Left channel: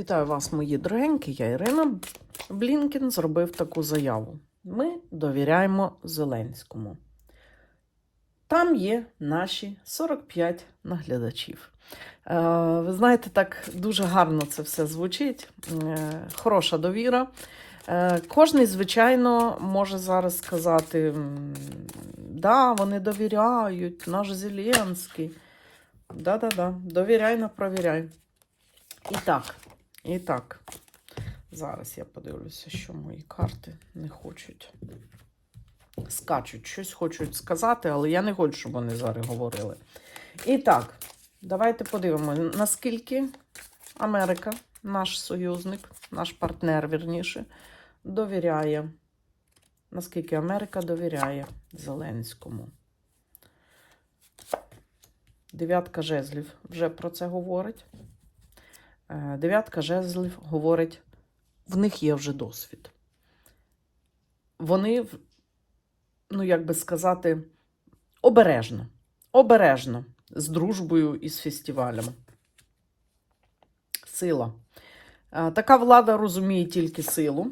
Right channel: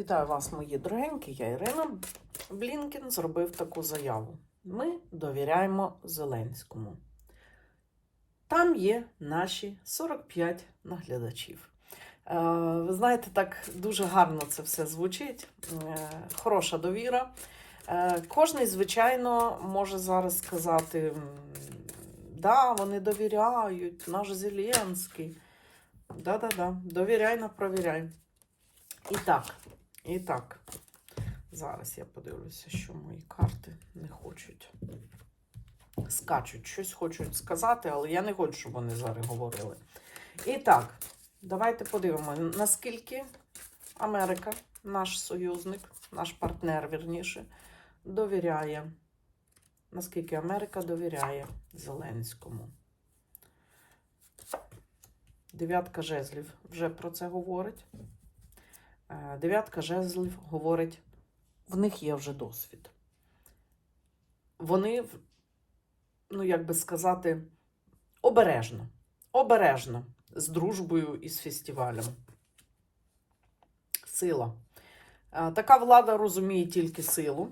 Вітаю вас, мої дорогенькі. Я Ірина Блінкін зробив таку заяву. Ми довіряємо Зеленському. Там є наші 45 наглядачів. Е, Ви знаєте, так дуже гарно це все звучить. Е, Хороша довіра. Е, Кожний, звичайно, може зараз сказати: да, вони довіряють, наш Зеленський. Да-да-да, довіряй на провіряй. І так, і так. Зараз я подивлюся, що мої карти не хочуть. Скачуть, щось хочуть сказати, але я не хочу, щоб вони зараз говорили. І так, давайте подивимося, наскільки Америка, наш союзник, наш партнер, вірніше, довіряє. Наскільки Америка довіряє Зеленському. Дев'ятка жезлів вже про це говорить. Е, Дев'ятка жезлів говорить, в них є вже досвід. Вони, ну як би сказати, обережно, обережно з дружбою і з фестивалем. Сила. Е, Така влада розуміє тільки силу.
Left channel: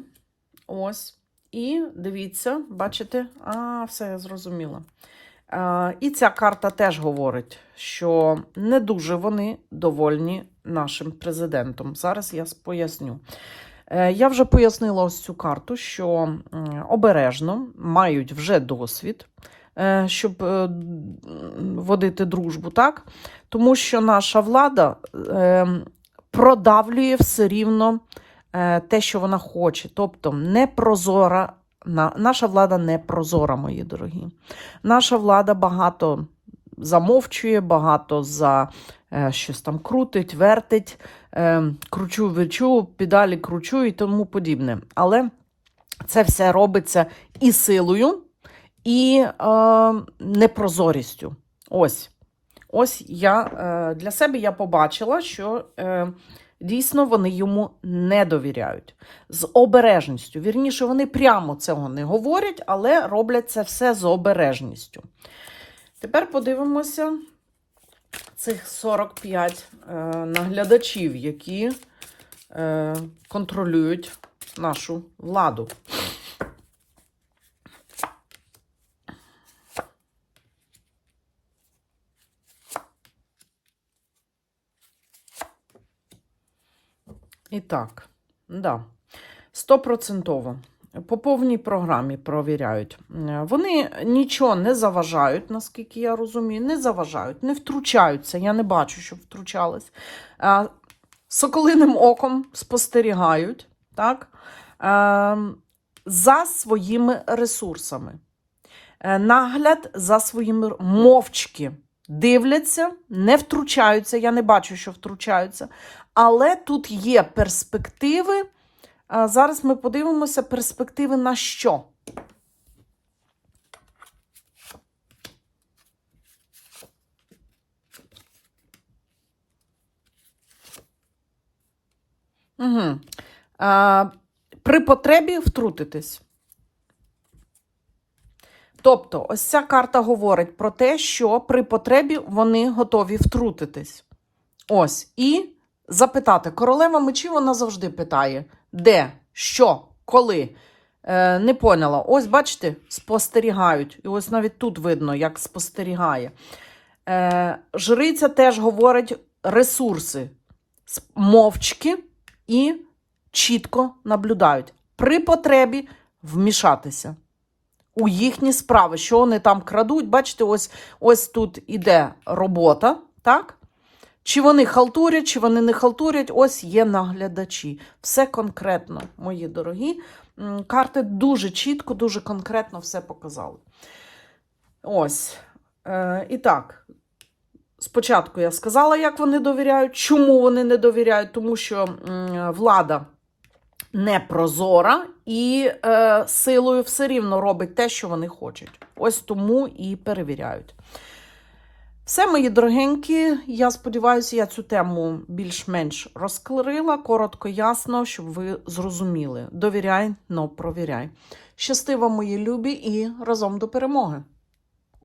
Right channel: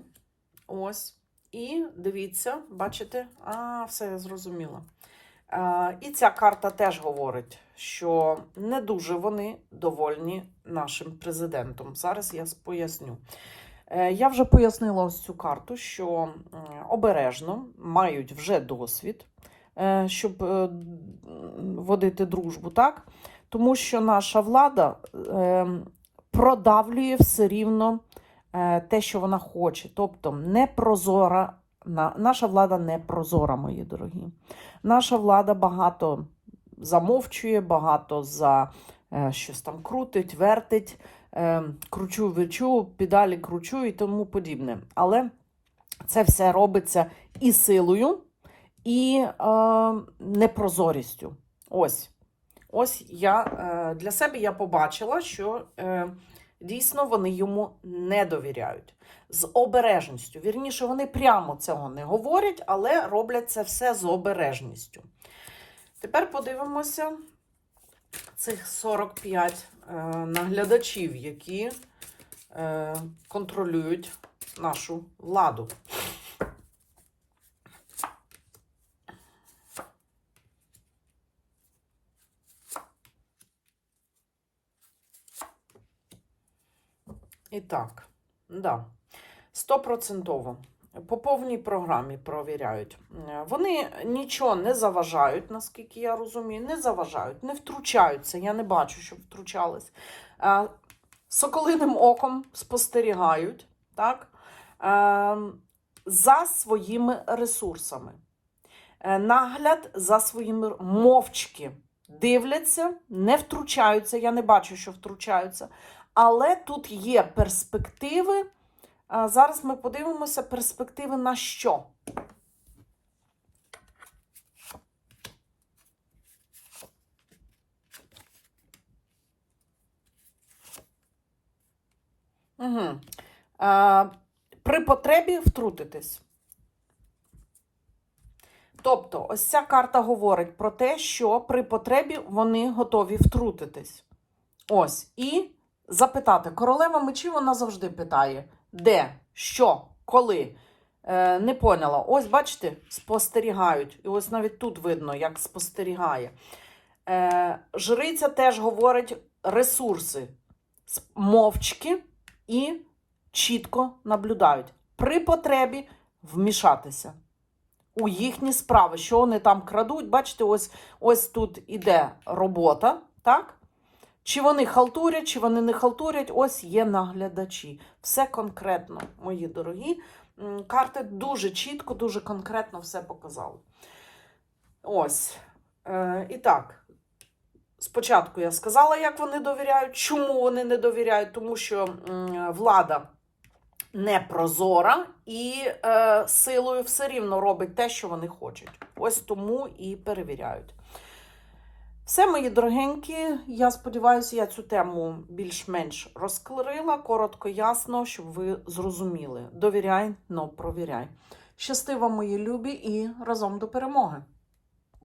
Ось. І дивіться, бачите, а, все я зрозуміла. Е, І ця карта теж говорить, що не дуже вони довольні нашим президентом. Зараз я поясню. Е, Я вже пояснила ось цю карту, що обережно мають вже досвід, е, щоб водити дружбу, так? Тому що наша влада е, продавлює все рівно те, що вона хоче. Тобто непрозора, наша влада не прозора, мої дорогі. Наша влада багато замовчує, багато за е, щось там крутить, вертить, е, кручу, вечу, педалі кручу і тому подібне. Але це все робиться і силою, і е, непрозорістю. Ось. Ось я е, для себе я побачила, що е, дійсно вони йому не довіряють. З обережністю. Вірніше, вони прямо цього не говорять, але роблять це все з обережністю. Тепер подивимося цих 45 е, наглядачів, які е, контролюють нашу владу. І так, да, стопроцентово. По повній програмі провіряють. Е, Вони нічого не заважають, наскільки я розумію, не заважають, не втручаються. Я не бачу, щоб втручались. Е, Соколиним оком спостерігають так, е, за своїми ресурсами. Нагляд за своїми мовчки дивляться, не втручаються. Я не бачу, що втручаються. Але тут є перспективи. Зараз ми подивимося перспективи на що. Угу. А, при потребі втрутитись. Тобто, ось ця карта говорить про те, що при потребі вони готові втрутитись. Ось. І запитати. Королева мечів вона завжди питає: де, що, коли. Е, не поняла. Ось, бачите, спостерігають. І ось навіть тут видно, як спостерігає. Е, жриця теж говорить ресурси. Мовчки і чітко наблюдають. При потребі вмішатися у їхні справи, що вони там крадуть. Бачите, ось, ось тут іде робота, так? Чи вони халтурять, чи вони не халтурять, ось є наглядачі. Все конкретно, мої дорогі. Карти дуже чітко, дуже конкретно все показали. Ось. Е, і так, спочатку я сказала, як вони довіряють. Чому вони не довіряють? Тому що влада не прозора і е, силою все рівно робить те, що вони хочуть. Ось тому і перевіряють. Все, мої дорогенькі, я сподіваюся, я цю тему більш-менш розкларила, коротко, ясно, щоб ви зрозуміли. Довіряй, но провіряй. Щасти мої любі, і разом до перемоги!